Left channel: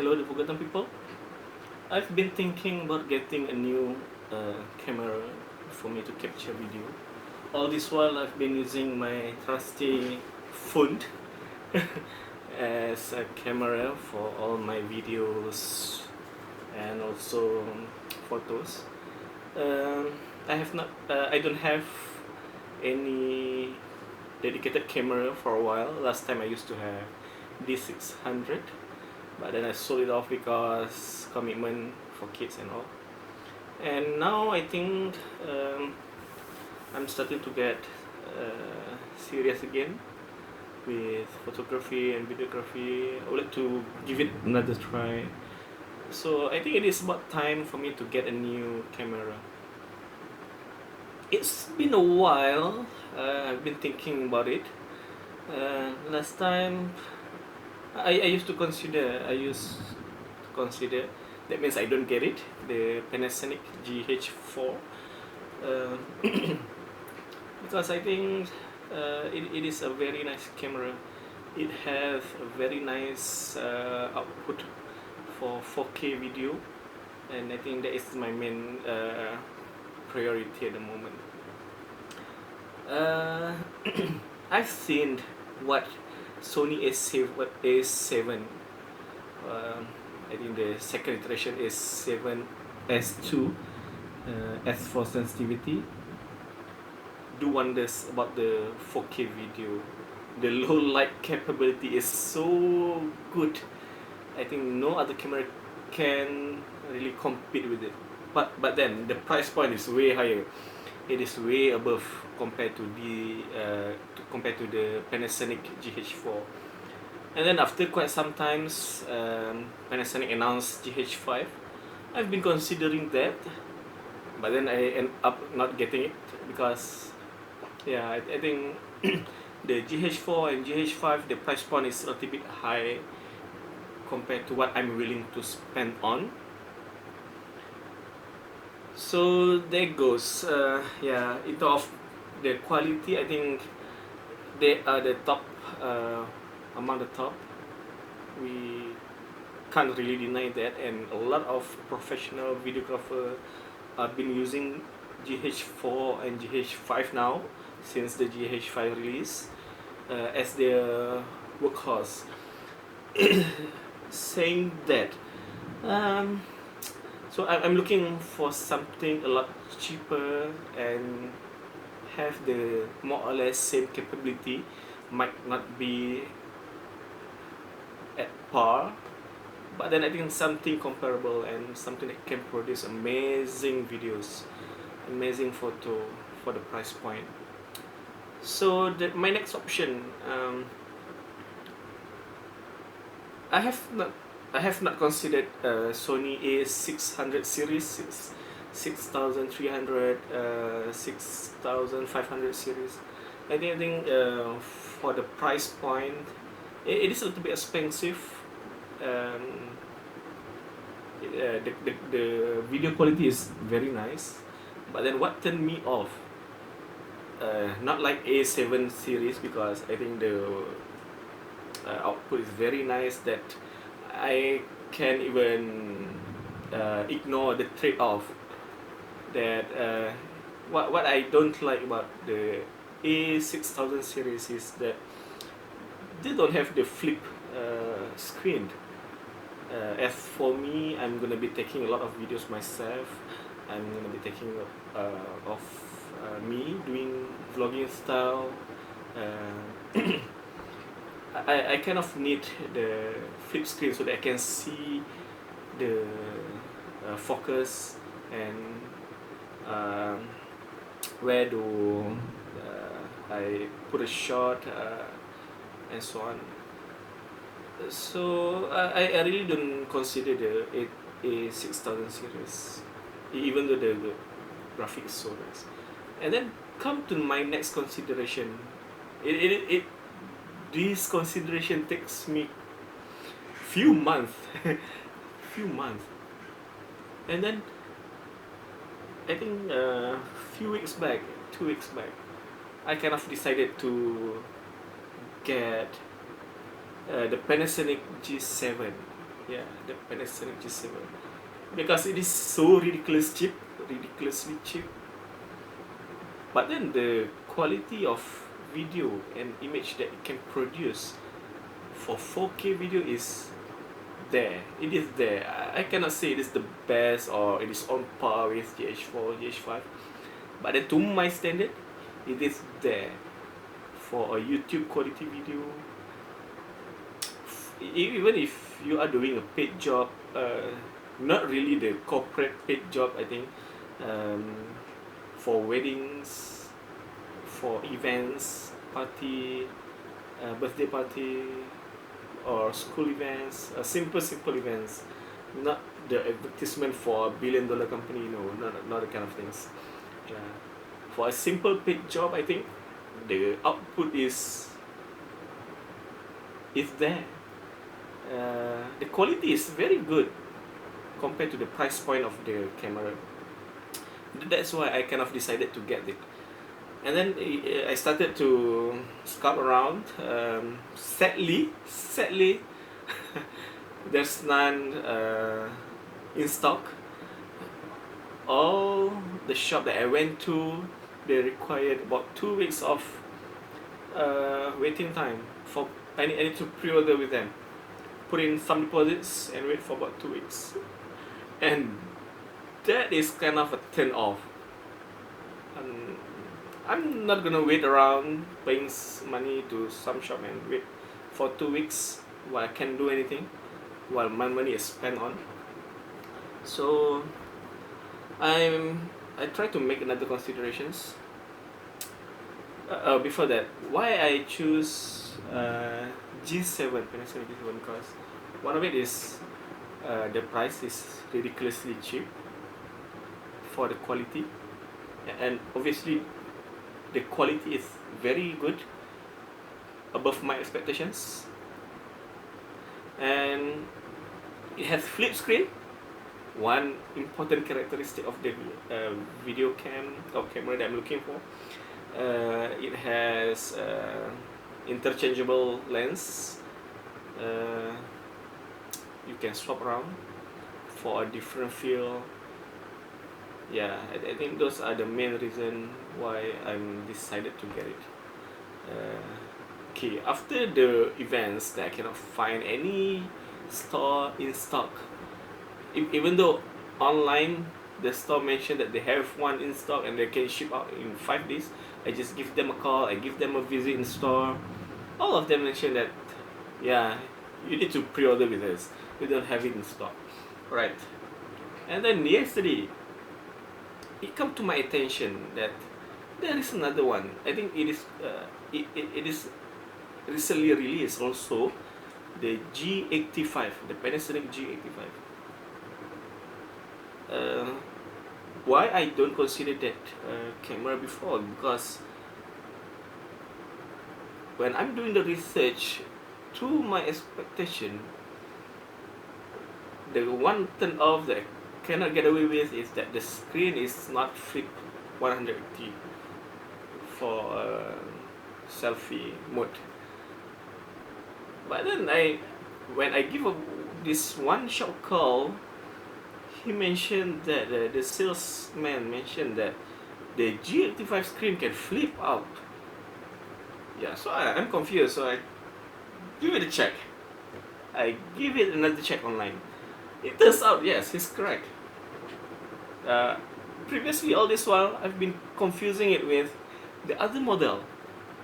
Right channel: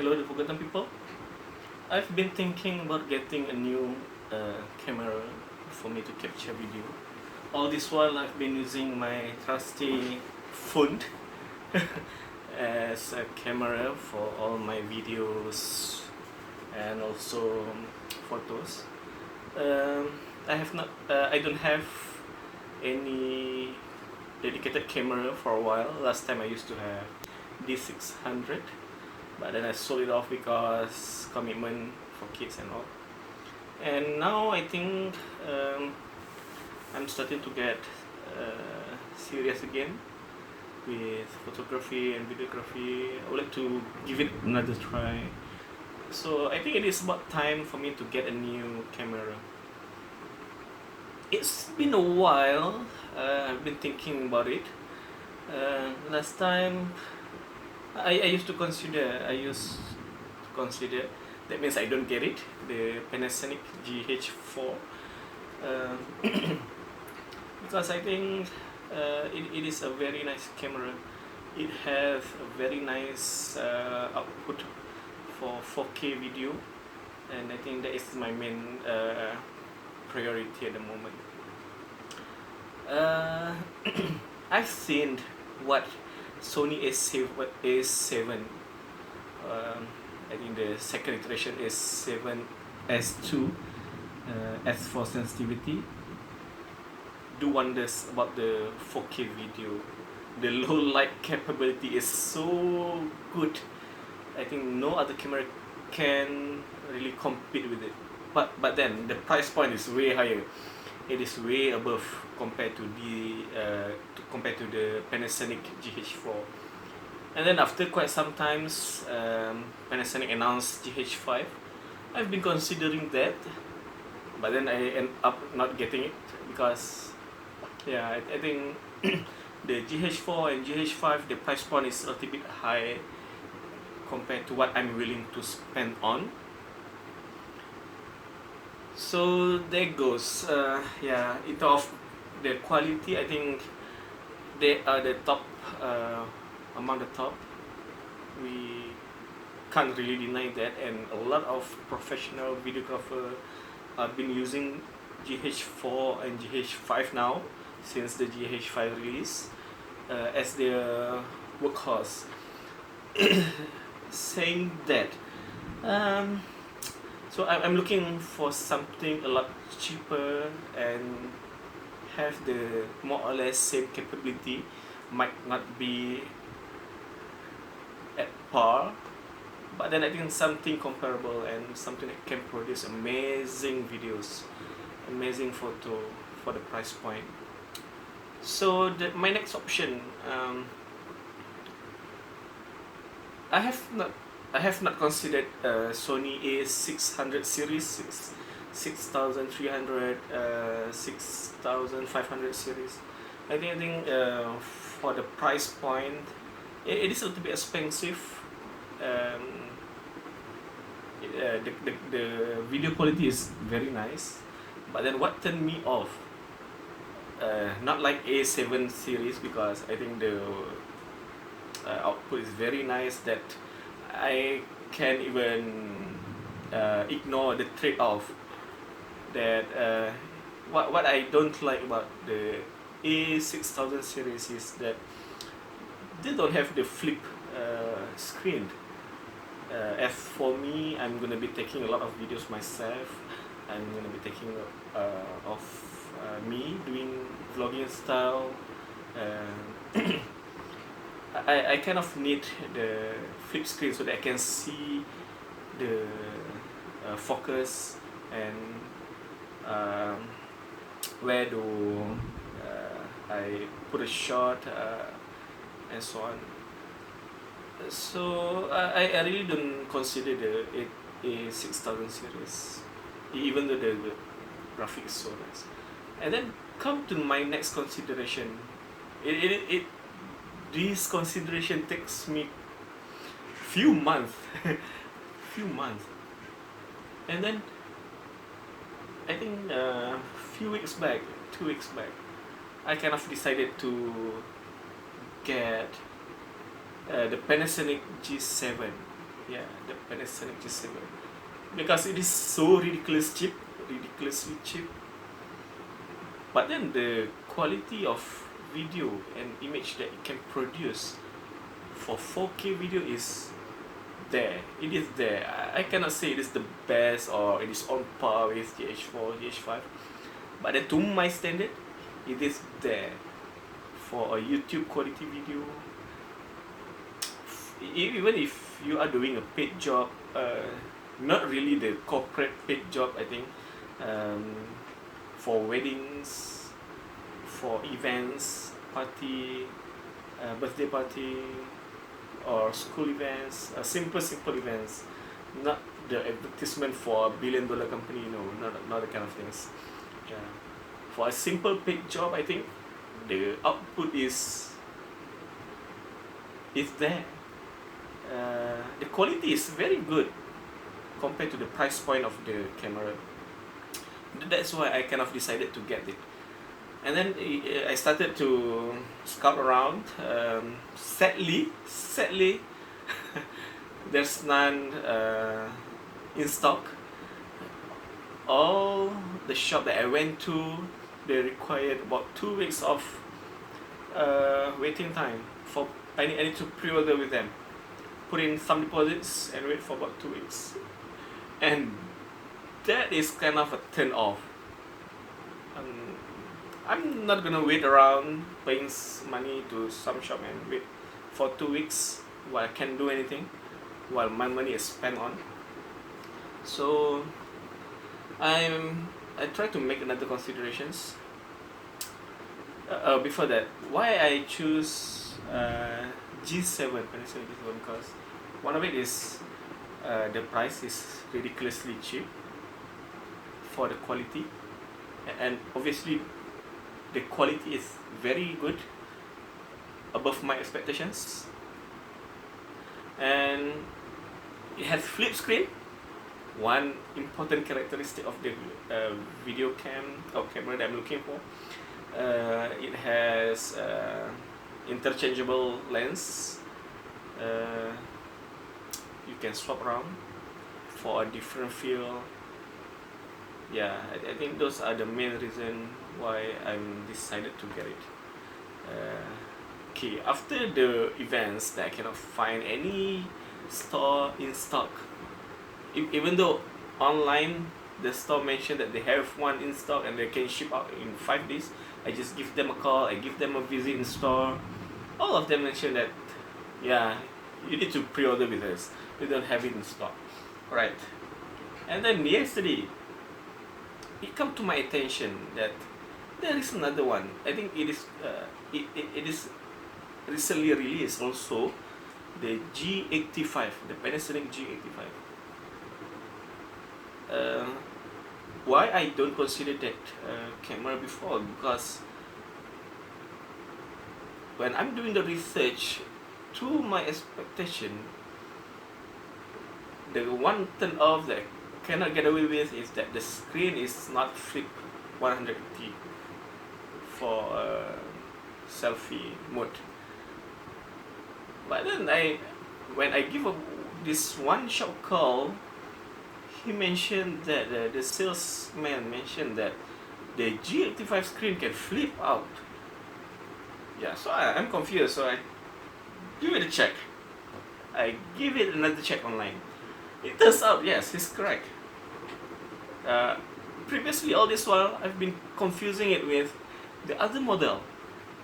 Hello, the forgotten people. I've been thinking about getting a new camera for me to capture video. All this while, I've been using my trusty phone as a camera for all my videos and also photos. I have not. I don't have any dedicated camera for a while. Last time I used to have D600, but then I sold it off because commitment for kids and all. And now I think I'm starting to get serious again with photography and videography. I would like to give it another try. So I think it is about time for me to get a new camera. It's been a while. I've been thinking about it. Last time I used to consider. That means I don't get it. The Panasonic GH4, because I think it is a very nice camera. It has a very nice output for 4K video, and I think that is my main priority at the moment. I've seen what Sony A7. I think the second iteration is A7S2, S for sensitivity, do wonders about the 4K video. The low light capability is so good. I think no other camera can really compete with it. But then the price point is way higher. It is way above compared to the Panasonic GH4. And then after quite some times, Panasonic announced GH5. I've been considering that, but then I end up not getting it because, yeah, I think the GH4 and GH5, the price point is a little bit high compared to what I'm willing to spend on. So there goes. Yeah, in terms of the quality, I think they are the top, among the top. We can't really deny that, and a lot of professional videographers have been using GH4 and GH5 now since the GH5 release as their workhorse. Saying that, so I'm looking for something a lot cheaper and have the more or less same capability. Might not be at par, but then I think something comparable and something that can produce amazing videos, amazing photo for the price point. So my next option, I have not considered Sony A600 series, 6300, 6500 series. I think for the price point, it is a little bit expensive. The video quality is very nice, but then what turned me off, not like A7 series, because I think the output is very nice, that I can even ignore the trade-off. That what I don't like about the A6000 series is that they don't have the flip screen. As for me, I'm gonna be taking a lot of videos myself. I'm gonna be taking of me doing vlogging style. I kind of need the flip screen so that I can see the focus and where do I put a shot and so on. So I really don't consider the A6000 series, even though the graphics is so nice. And then come to my next consideration. This consideration takes me few months, few months, and then I think 2 weeks back, I kind of decided to get the Panasonic G7. Yeah, the Panasonic G7 because it is so ridiculously cheap. But then the quality of video and image that it can produce for 4K video is there. It is there. I cannot say it is the best or it is on par with GH4, GH5. But then to my standard, it is there for a YouTube quality video. Even if you are doing a paid job, not really the corporate paid job, I think, for weddings, for events, party, birthday party, or school events, simple events, not the advertisement for a billion-dollar company. No, not the kind of things. For a simple paid job, I think the output is there. The quality is very good compared to the price point of the camera. That's why I kind of decided to get it. And then I started to scout around. Sadly, there's none in stock. All the shop that I went to, they required about 2 weeks of waiting time for I need to pre-order with them, put in some deposits and wait for about 2 weeks, and that is kind of a turn off. I'm not gonna wait around paying money to some shop and wait for 2 weeks while I can't do anything, while my money is spent on. So I try to make another considerations. Before that, why I choose G7, Panasonic G7, because one of it is the price is ridiculously cheap for the quality, and obviously the quality is very good, above my expectations, and it has flip screen. One important characteristic of the video camera that I'm looking for. It has interchangeable lens. You can swap around for a different feel. Yeah, I think those are the main reason why I'm decided to get it. Okay, after the events that I cannot find any store in stock, even though online the store mentioned that they have one in stock and they can ship out in 5 days, I just give them a call, I give them a visit in store. All of them mentioned that, yeah, you need to pre-order with us, we don't have it in stock. Right. And then yesterday, it come to my attention that there is another one. I think it is recently released also, the G85, the Panasonic G85. Why I don't consider that camera before? Because when I'm doing the research, to my expectation, the one turn off that I cannot get away with is that the screen is not flip 180 for selfie mode. But then when I give this one shop call, he mentioned that the salesman mentioned that the G85 screen can flip out. Yeah, so I'm confused. So I give it a check. I give it another check online. It turns out, yes, he's correct. Previously, all this while, I've been confusing it with the other model,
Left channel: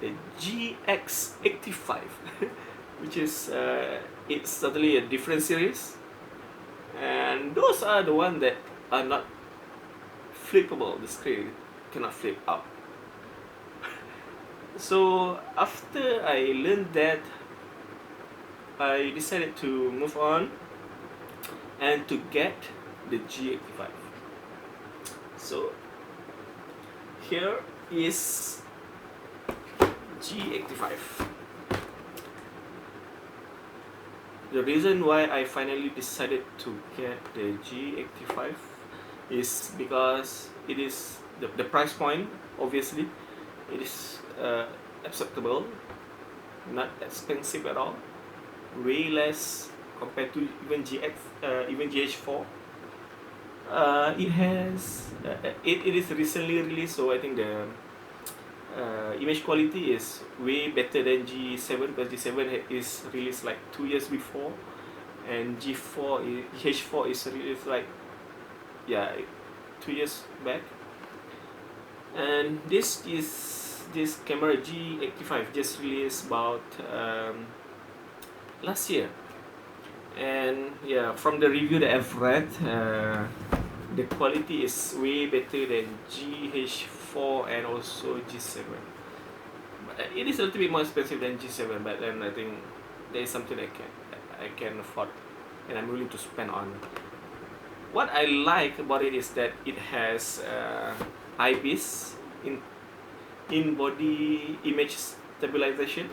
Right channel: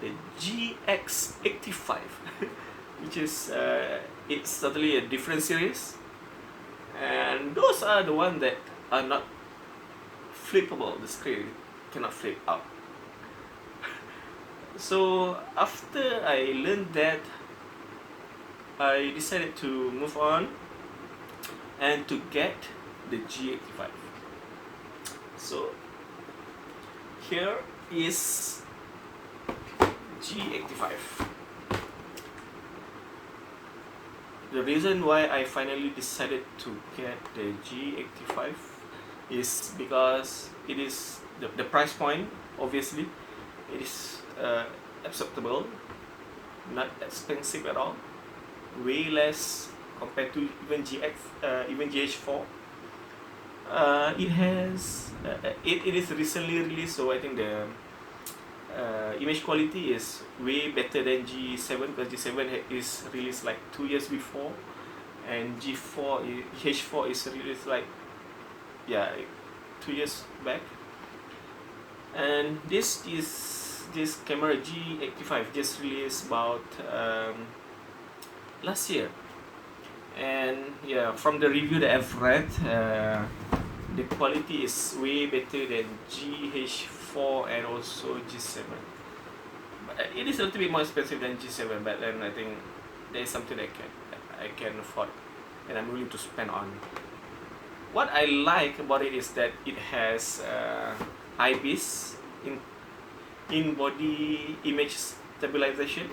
the GH85, which is it's totally a different series. And those are the ones that are not flippable. The screen cannot flip out. So after I learned that, I decided to move on and to get the G85. So here is G85. The reason why I finally decided to get the G85 is because it is the price point, obviously, it is acceptable, not expensive at all, way less compared to even GH4. It has it is recently released, so I think the image quality is way better than G7, because G7 is released like 2 years before, and GH4 is released like, yeah, 2 years back. And this camera G85 just released about last year. And yeah, from the review that I've read, the quality is way better than GH4 and also G7. But it is a little bit more expensive than G7, but then I think there is something I can afford and I'm willing to spend on. What I like about it is that it has IBIS, in body image stabilization,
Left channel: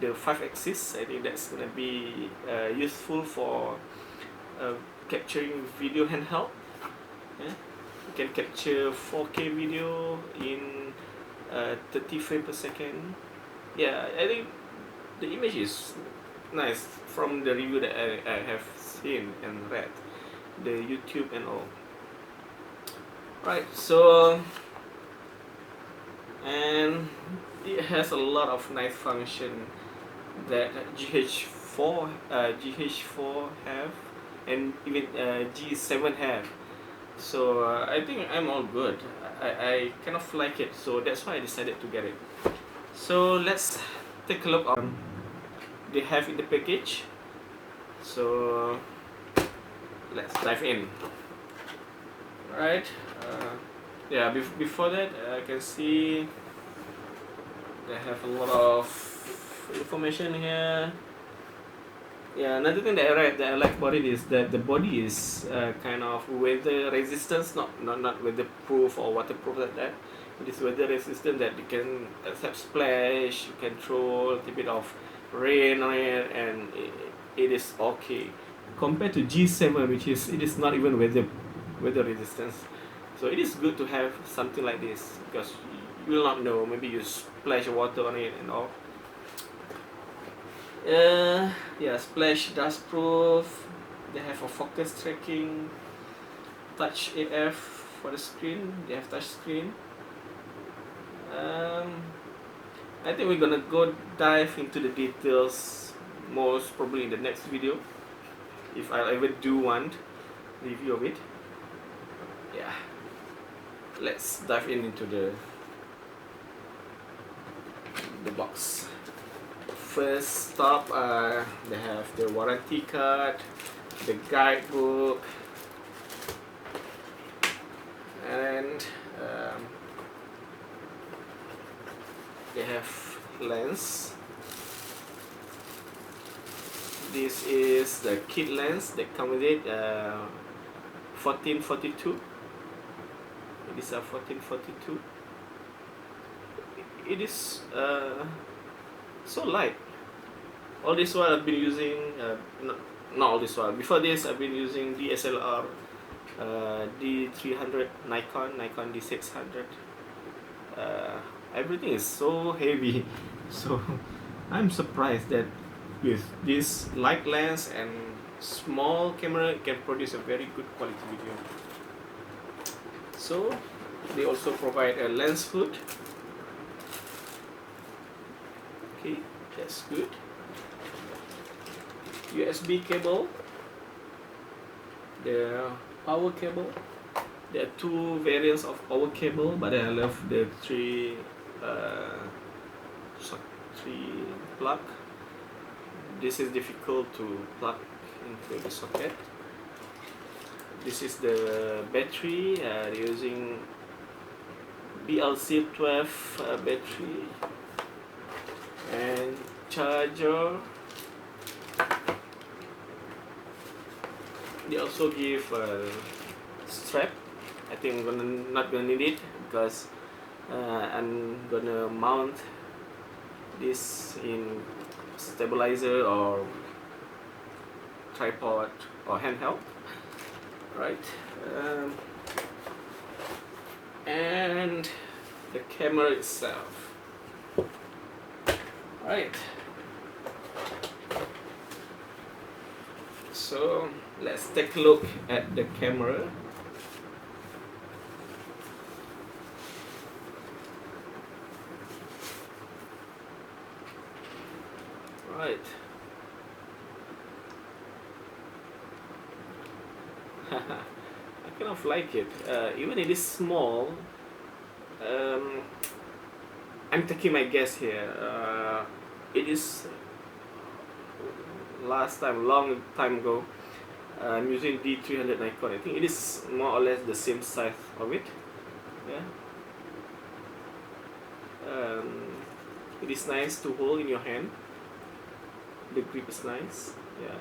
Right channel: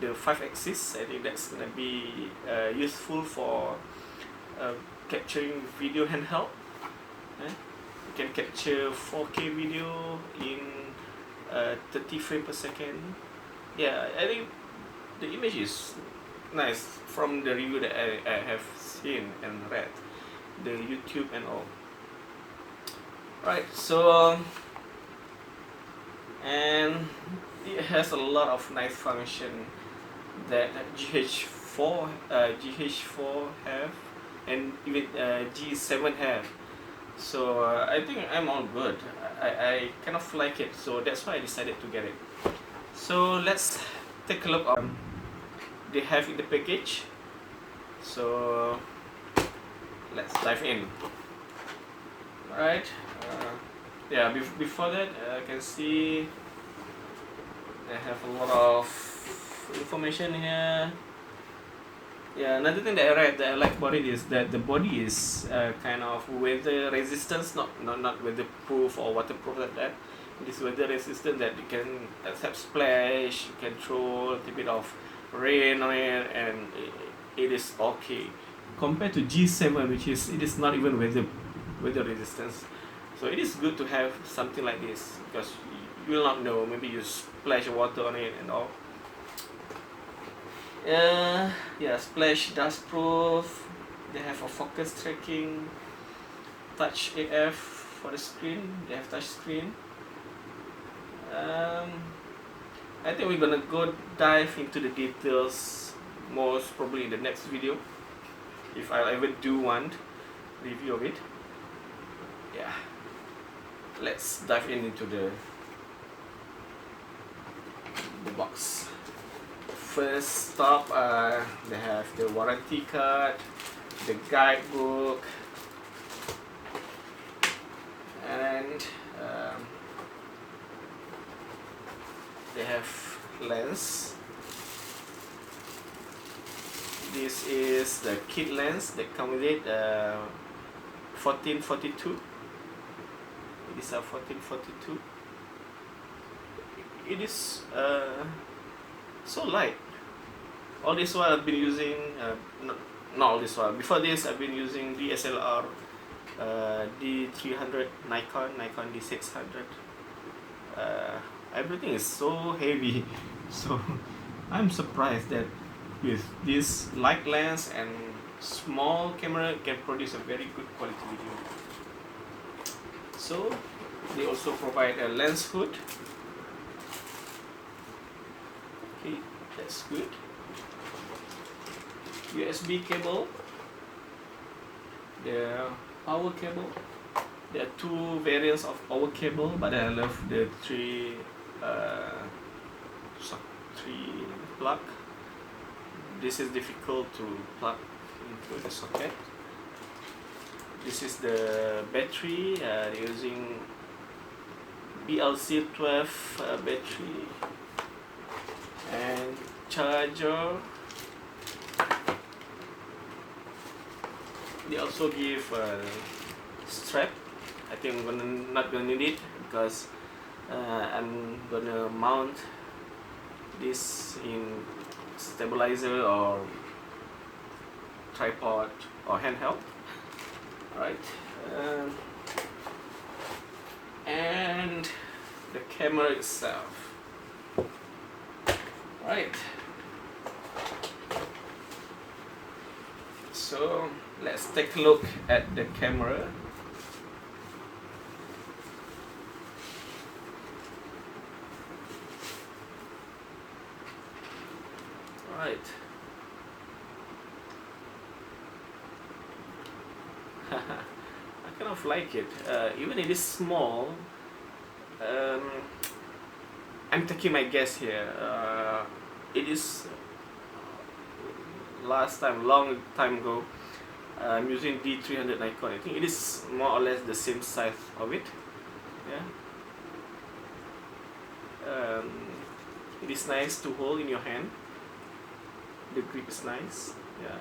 the 5-axis. I think that's gonna be useful for capturing video handheld. You can capture 4K video in 30 frames per second. Yeah, I think the image is nice from the review that I have seen and read, the YouTube and all. Right, so and it has a lot of nice function that GH4 have, and even G7 have. So I think I'm all good. I kind of like it, so that's why I decided to get it. So let's take a look on they have in the package. So let's dive in. Right. Yeah, before that, I can see they have a lot of information here. Yeah, another thing that I read that I like about it is that the body is kind of weather resistant, not weatherproof or waterproof like that. It is weather resistant, that you can accept splash, you can throw a little bit of rain on it, and it is okay. Compared to G7, which is not even weather resistant. So it is good to have something like this, because you will not know, maybe you splash water on it and all. Yeah, splash dust proof. They have a focus tracking, touch AF for the screen. They have touch screen. I think we're gonna go dive into the details most probably in the next video, if I ever do one review of it. Yeah, let's dive into the box. First stop, they have the warranty card, the guidebook, and they have lens. This is the kit lens that come with it, 1442. These are 1442. It is so light. All this while I've been using, not all this while, before this I've been using DSLR, D300, Nikon D600. Everything is so heavy, so I'm surprised that with this light lens and small camera it can produce a very good quality video. So they also provide a lens hood. Okay, that's good. USB cable, the power cable. There are two variants of power cable, but I love the three plug. This is difficult to plug into the socket. This is the battery. They're using BLC12 battery and charger. They also give a strap. I think I'm not gonna need it, because I'm gonna mount this in stabilizer or tripod or handheld. Right, and the camera itself. Right. So let's take a look at the camera. Right. I kind of like it. Even it is small. Um, I'm taking my guess here. It is long time ago. I'm using D300 Nikon. I think it is more or less the same size of it. Yeah. It is nice to hold in your hand. The grip is nice. Yeah.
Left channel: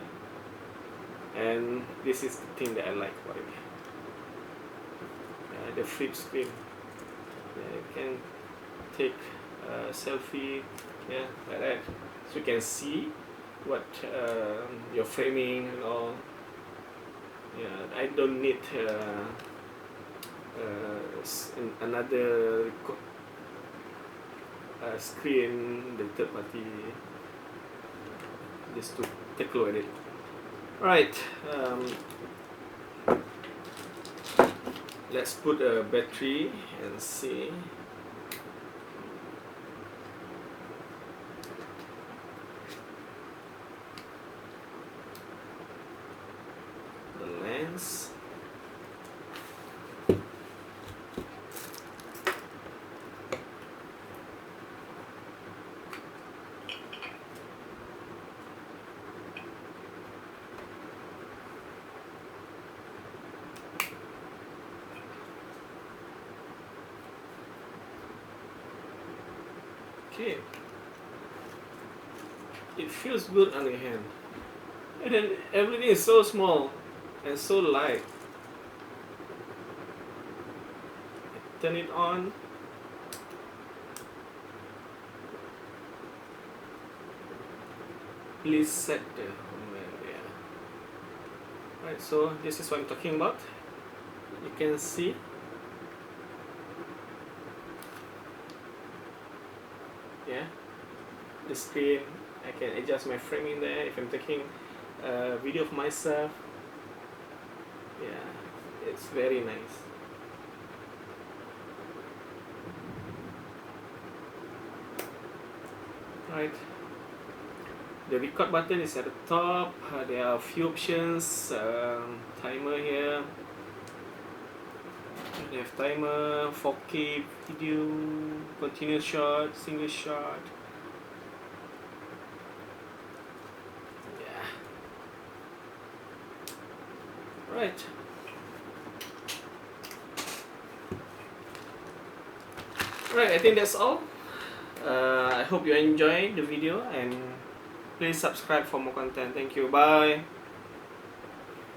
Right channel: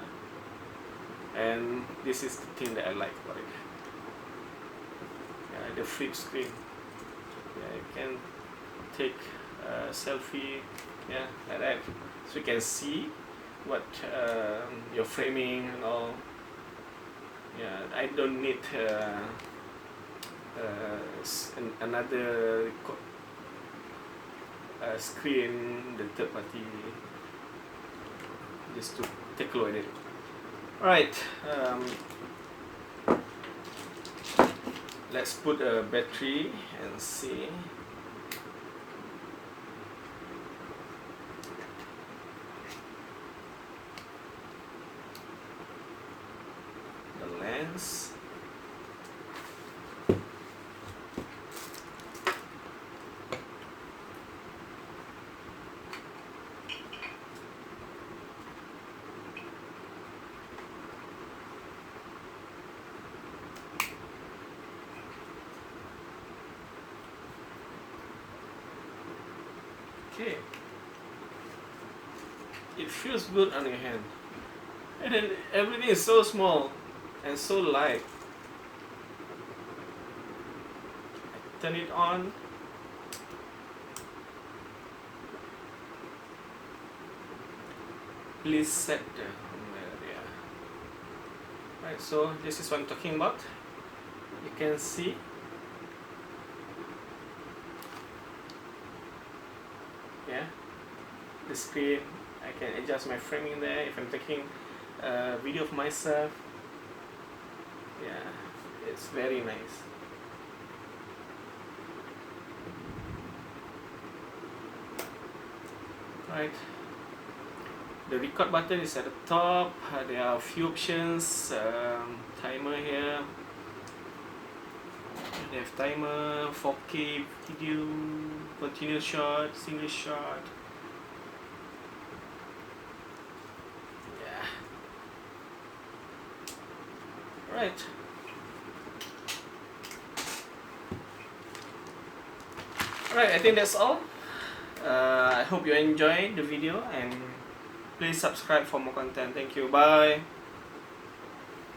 And this is the thing that I like about it. The flip screen. Yeah, you can take a selfie. Yeah, like that. So you can see what your framing and all. Yeah, I don't need another screen, the third party, just to take a look at it. Alright, let's put a battery and see. The lens. Okay, it feels good on your hand, and then everything is so small and so light. Turn it on. Please set the area. Right, so this is what I'm talking about. You can see. Yeah, the screen. I can adjust my framing there if I'm taking a video of myself. Yeah, it's very nice. Right, the record button is at the top. There are a few options. Timer here. We have timer, 4K video, continuous shot, single shot. Yeah. Right. Alright, I think that's all. I hope you enjoyed the video and please subscribe for more content. Thank you. Bye.